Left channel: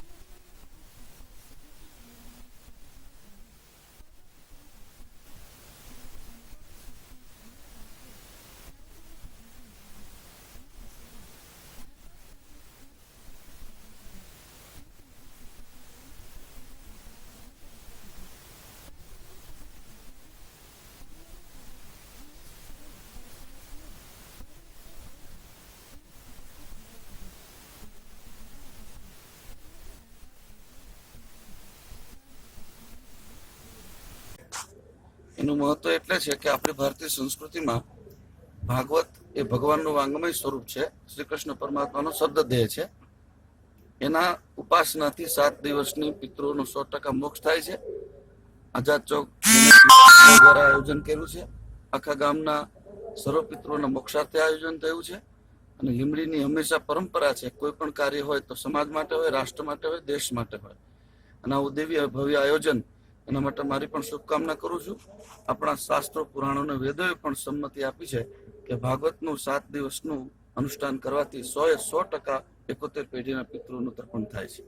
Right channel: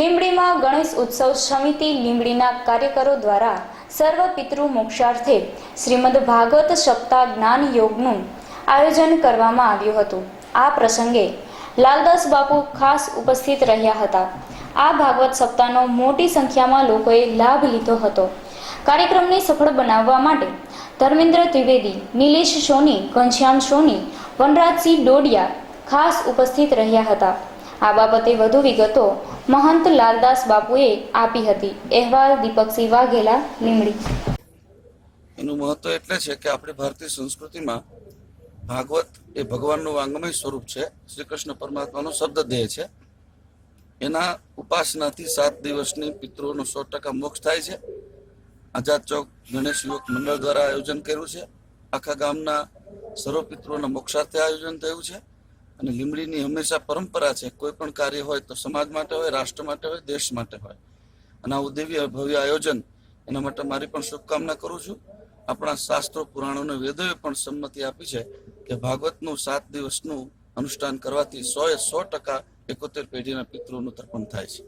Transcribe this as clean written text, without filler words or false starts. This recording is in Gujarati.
લીંબડીમાં ગણેશ ઉત્સવ સમિતિ લીંબડીના કાર્યકરો દ્વારા સર્વ પિતૃ મોક્ષાર્થે શ્રીમદ ભાગવત સપ્તાહ જ્ઞાન યોગનું આયોજન કરવામાં આવ્યું હતું। આ પ્રસંગે લાલદાસ બાપુ ખાસ ઉપસ્થિત રહ્યા હતા। આ ભાગવત સપ્તાહનો મોટી સંખ્યામાં લોકોએ લાભ લીધો હતો। કાર્યક્રમને સફળ બનાવવા માટે ધર્મેન્દ્ર ત્રિવેદી, નિલેશ સોની, ઘનશ્યામ સોની, વનરાજસિંહ ડોડિયા ખાસ ઉપસ્થિત રહ્યા હતા। આ બાબતે વધુ વિગતો મહંત લાલદાસ બાપુએ આપી હતી। અહેવાલ દીપકસિંહ વાઘેલા, લીંબડી। એનું મહત્વ એટલે છે કે આપણી ભારતીય સંસ્કૃતિમાં ભાગવત એ ભગવાનનું વાંગમય સ્વરૂપ છે, શ્રી કૃષ્ણ પરમાત્માનો શબ્દદેહ છે। એના ઉપાસનાથી 7 દિવસની પિતૃઓનો 100% મોક્ષ થાય છે। આઝાદ ચોક ગણેશ મંડળ દ્વારા આયોજન કર્યું છે। આખા ગામના સર્વ પિતૃઓના મોક્ષાર્થે આયોજન થયું છે અને લીંબડીની હંમેશા પરંપરા છે, કોઈ પણ કાર્ય હોય તો સમાજ માટે હોય, રાષ્ટ્ર માટે હોય, દેશ માટે હોય, અને આવું દિવ્ય ભવ્ય આયોજન એના માટે મારી પણ શુભકામના કરું છું। આપણા શાસ્ત્રો, પુરાણો અને વેદોએ પણ સંમતિ આપી છે કે ભાગવતનું 7 દિવસનું અનુષ્ઠાન કરવાથી 100% 71 પેઢીના પિતૃઓનું તર્પણ થાય છે।